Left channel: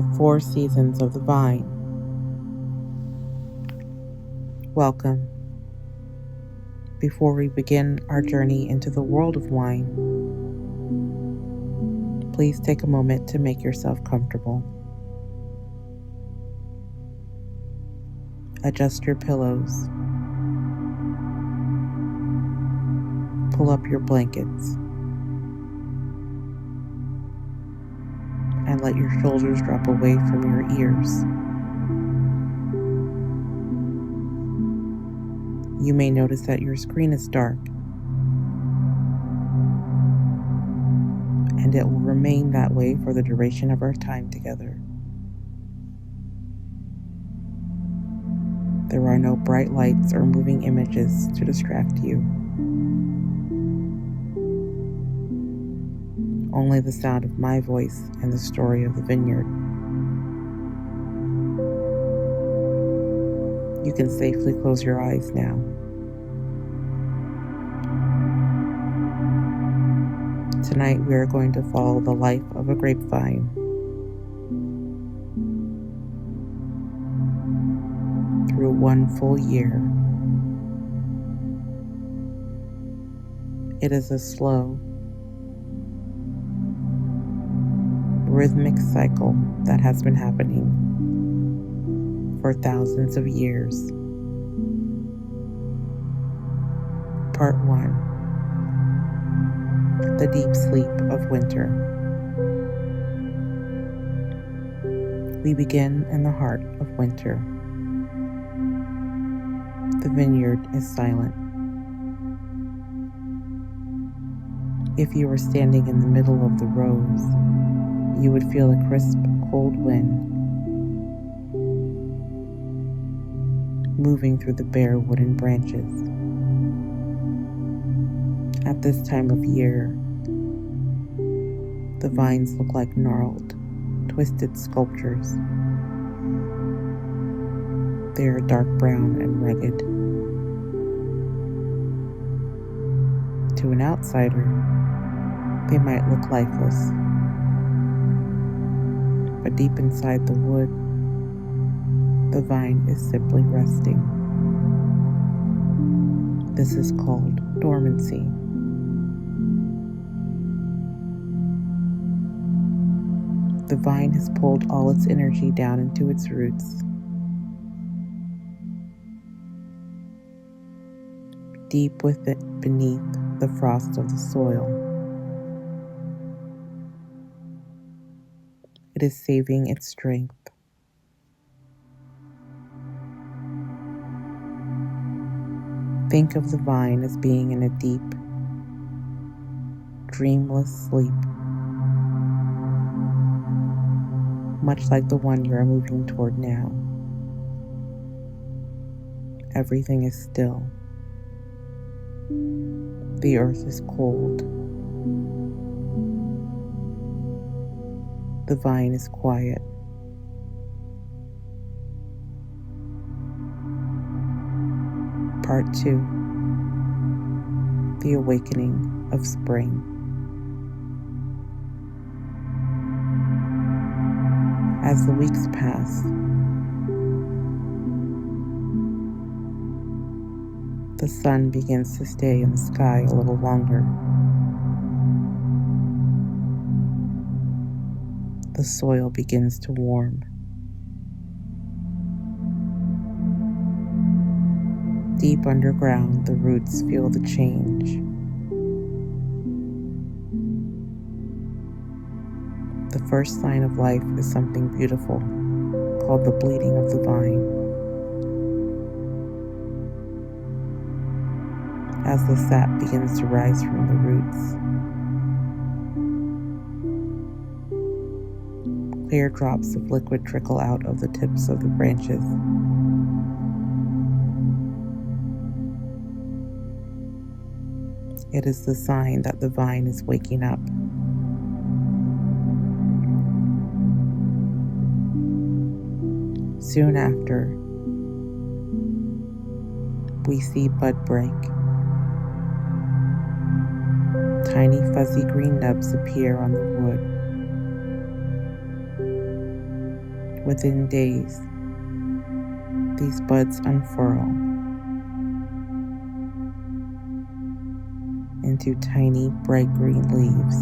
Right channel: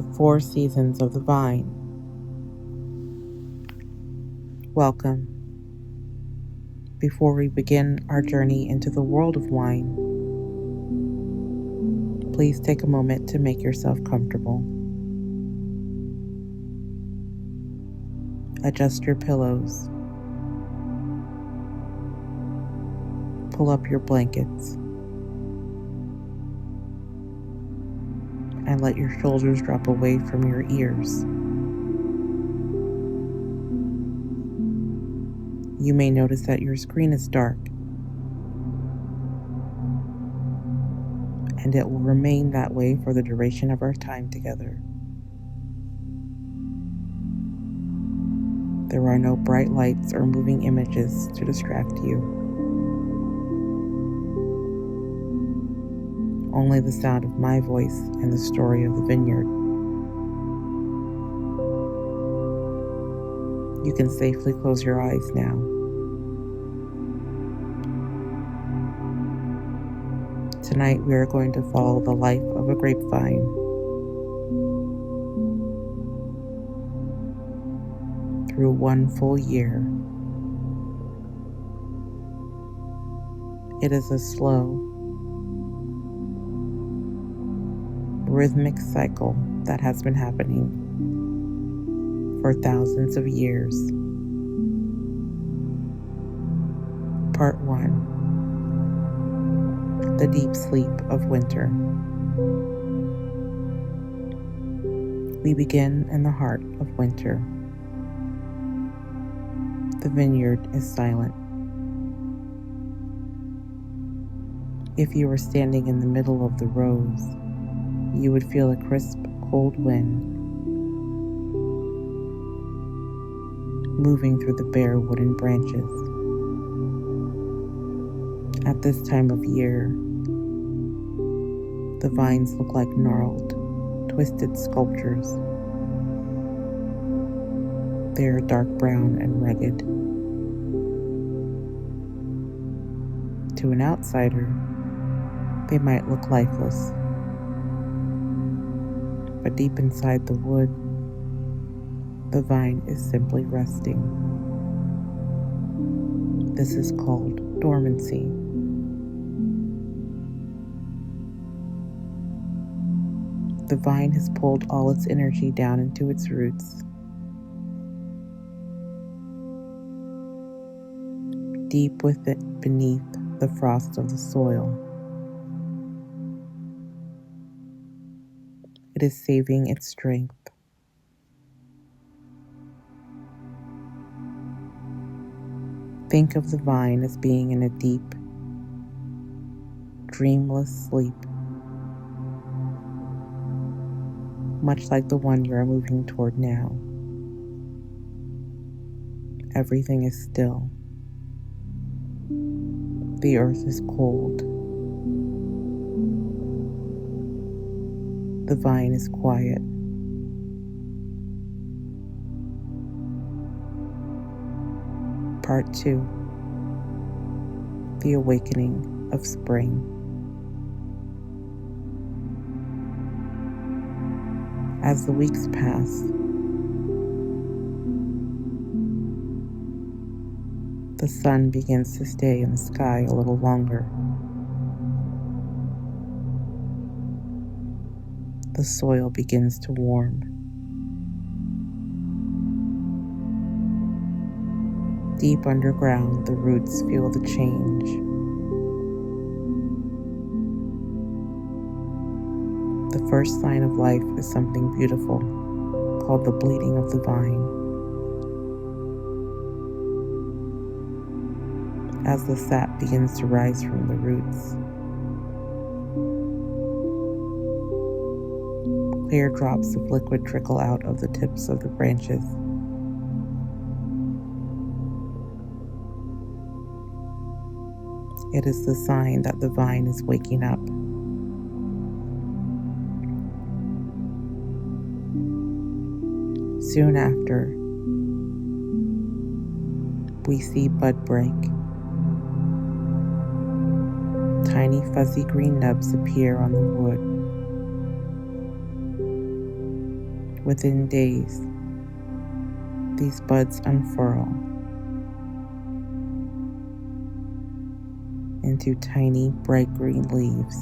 the 4 seasons of the vine. Welcome. Before we begin our journey into the world of wine, please take a moment to make yourself comfortable. Adjust your pillows. Pull up your blankets. And let your shoulders drop away from your ears. You may notice that your screen is dark, and it will remain that way for the duration of our time together. There are no bright lights or moving images to distract you. Only the sound of my voice and the story of the vineyard. You can safely close your eyes now. Tonight we are going to follow the life of a grapevine. Through 1 full year. It is a slow, rhythmic cycle that has been happening for thousands of years. Part 1. The deep sleep of winter. We begin in the heart of winter. The vineyard is silent. If you were standing in the middle of the rows, you would feel a crisp, cold wind moving through the bare wooden branches. At this time of year, the vines look like gnarled, twisted sculptures. They are dark brown and rugged. To an outsider, they might look lifeless. But deep inside the wood, the vine is simply resting. This is called dormancy. The vine has pulled all its energy down into its roots. Deep within beneath the frost of the soil. It is saving its strength. Think of the vine as being in a deep, dreamless sleep, much like the one you are moving toward now. Everything is still. The earth is cold. The vine is quiet. Part 2. The awakening of spring. As the weeks pass, the sun begins to stay in the sky a little longer. The soil begins to warm. Deep underground, the roots feel the change. The first sign of life is something beautiful called the bleeding of the vine. As the sap begins to rise from the roots, clear drops of liquid trickle out of the tips of the branches. It is the sign that the vine is waking up. Soon after, we see bud break. Tiny fuzzy green nubs appear on the wood. Within days, these buds unfurl into tiny, bright green leaves.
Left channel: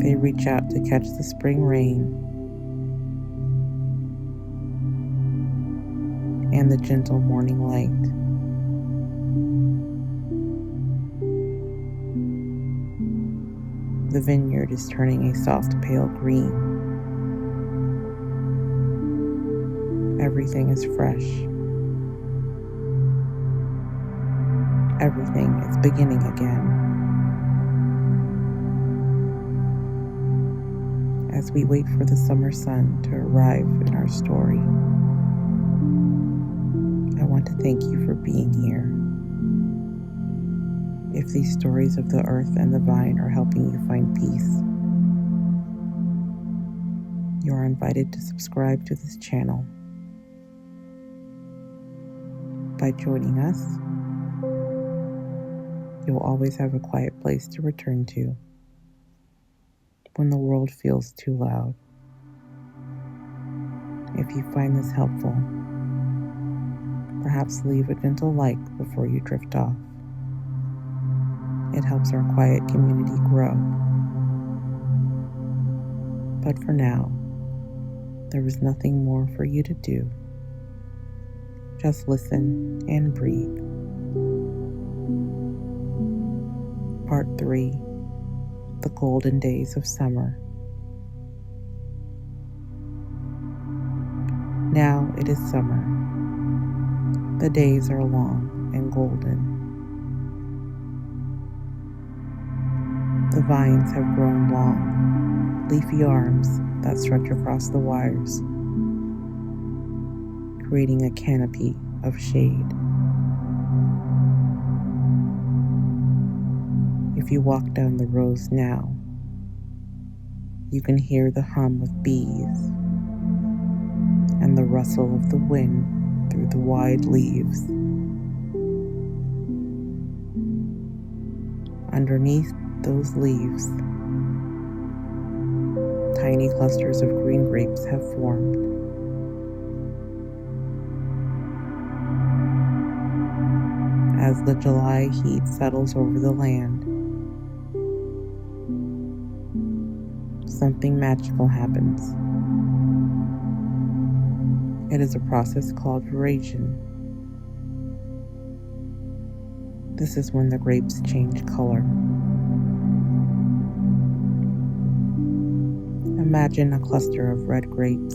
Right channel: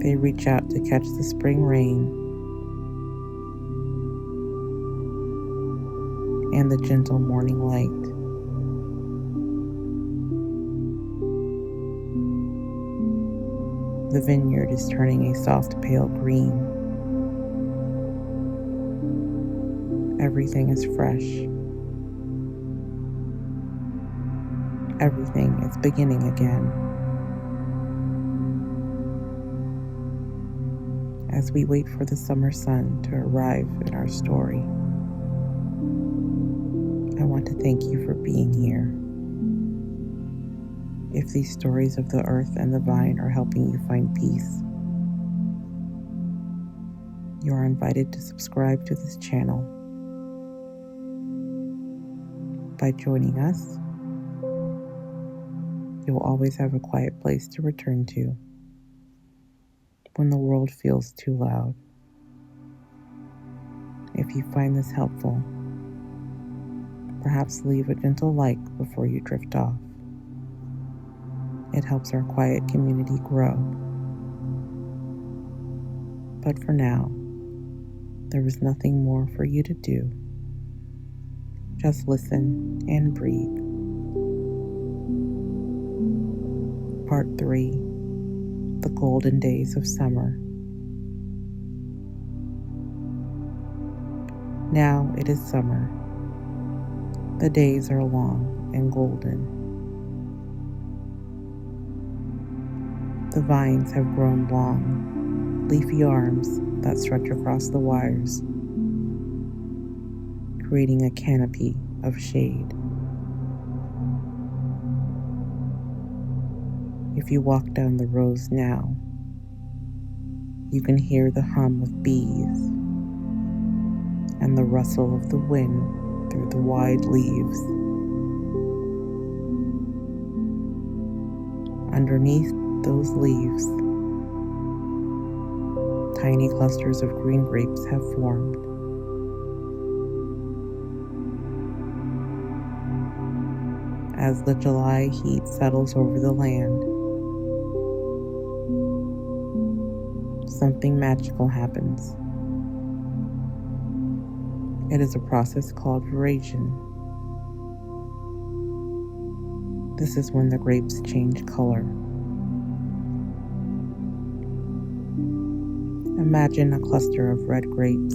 They reach out to catch the spring rain and the gentle morning light. The vineyard is turning a soft pale green. Everything is fresh. Everything is beginning again. As we wait for the summer sun to arrive in our story, I want to thank you for being here. If these stories of the earth and the vine are helping you find peace, you are invited to subscribe to this channel. By joining us, you will always have a quiet place to return to when the world feels too loud. If you find this helpful, perhaps leave a gentle like before you drift off. It helps our quiet community grow. But for now, there is nothing more for you to do. Just listen and breathe. Part 3, The Golden Days of Summer. Now it is summer. The days are long and golden. The vines have grown long, leafy arms that stretch across the wires, creating a canopy of shade. If you walk down the rows now, you can hear the hum of bees and the rustle of the wind through the wide leaves. Underneath those leaves, tiny clusters of green grapes have formed. As the July heat settles over the land, something magical happens. It is a process called veraison. This is when the grapes change color. Imagine a cluster of red grapes.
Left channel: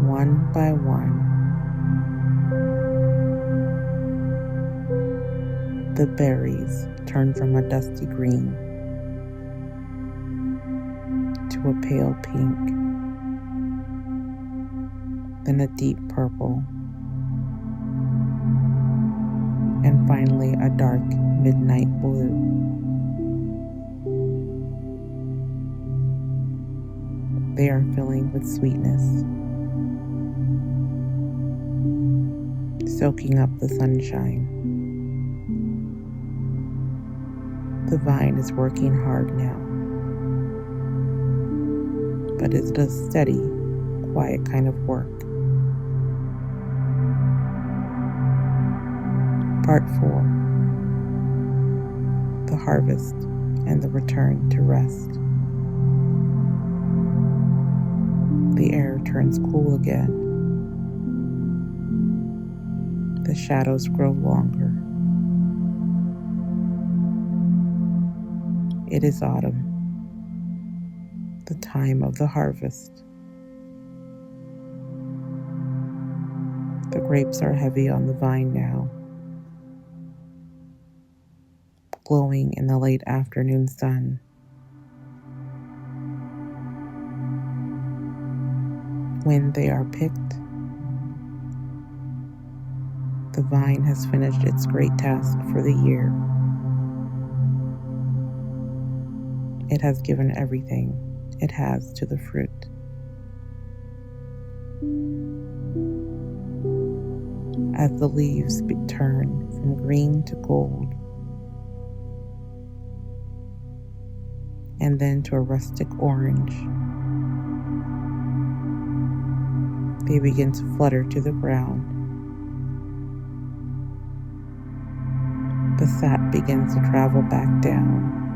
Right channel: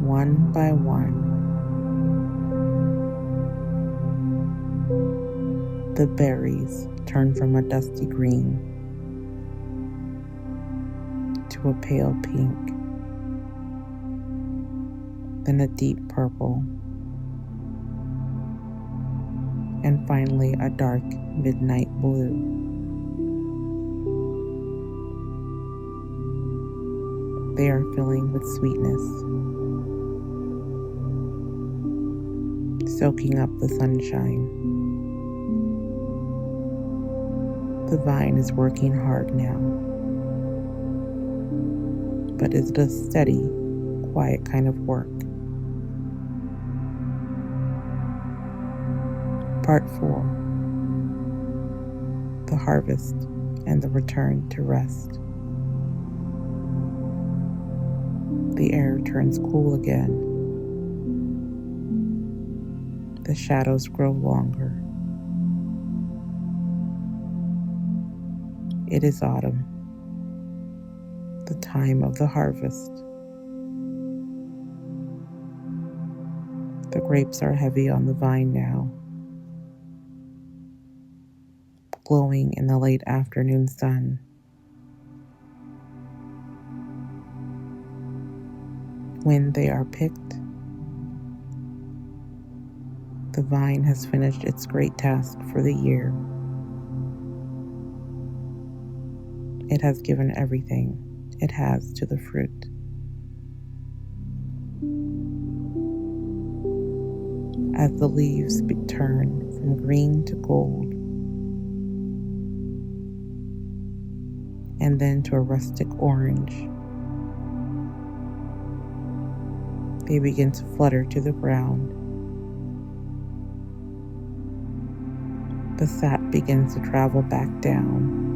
One by one, the berries turn from a dusty green to a pale pink, then a deep purple, and finally a dark midnight blue. They are filling with sweetness, soaking up the sunshine. The vine is working hard now, but it does steady, quiet kind of work. Part 4, The Harvest and the Return to Rest. The air turns cool again. The shadows grow longer. It is autumn, the time of the harvest. The grapes are heavy on the vine now, glowing in the late afternoon sun. When they are picked, the vine has finished its great task for the year. It has given everything it has to the fruit. As the leaves turn from green to gold, and then to a rustic orange. They begin to flutter to the ground. The sap begins to travel back down,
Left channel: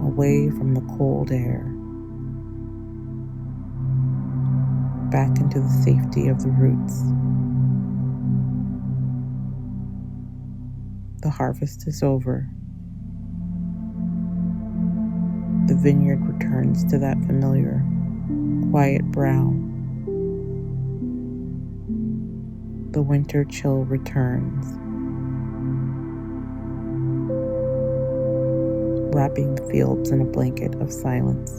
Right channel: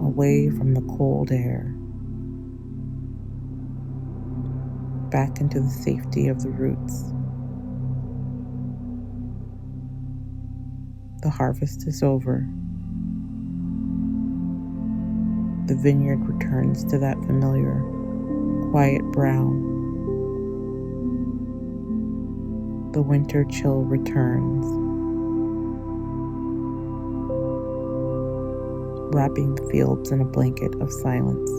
away from the cold air, back into the safety of the roots. The harvest is over. The vineyard returns to that familiar, quiet brown. The winter chill returns, wrapping the fields in a blanket of silence.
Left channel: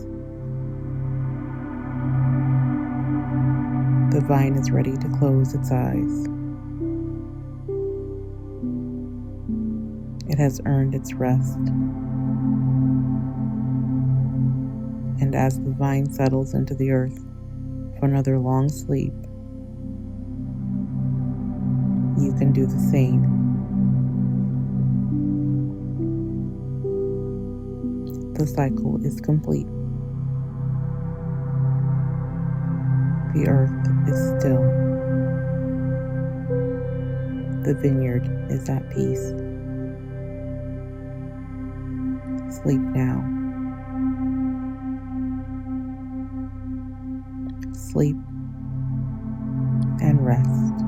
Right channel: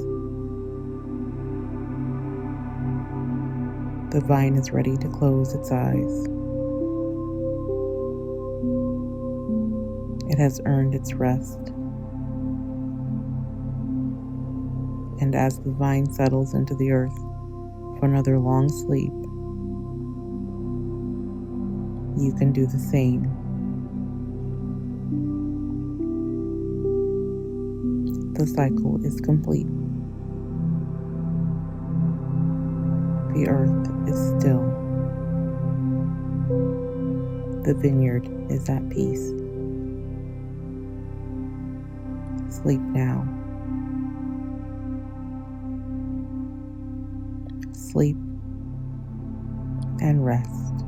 The vine is ready to close its eyes. It has earned its rest. And as the vine settles into the earth for another long sleep, you can do the same. The cycle is complete. The earth is still. The vineyard is at peace. Sleep now. Sleep and rest.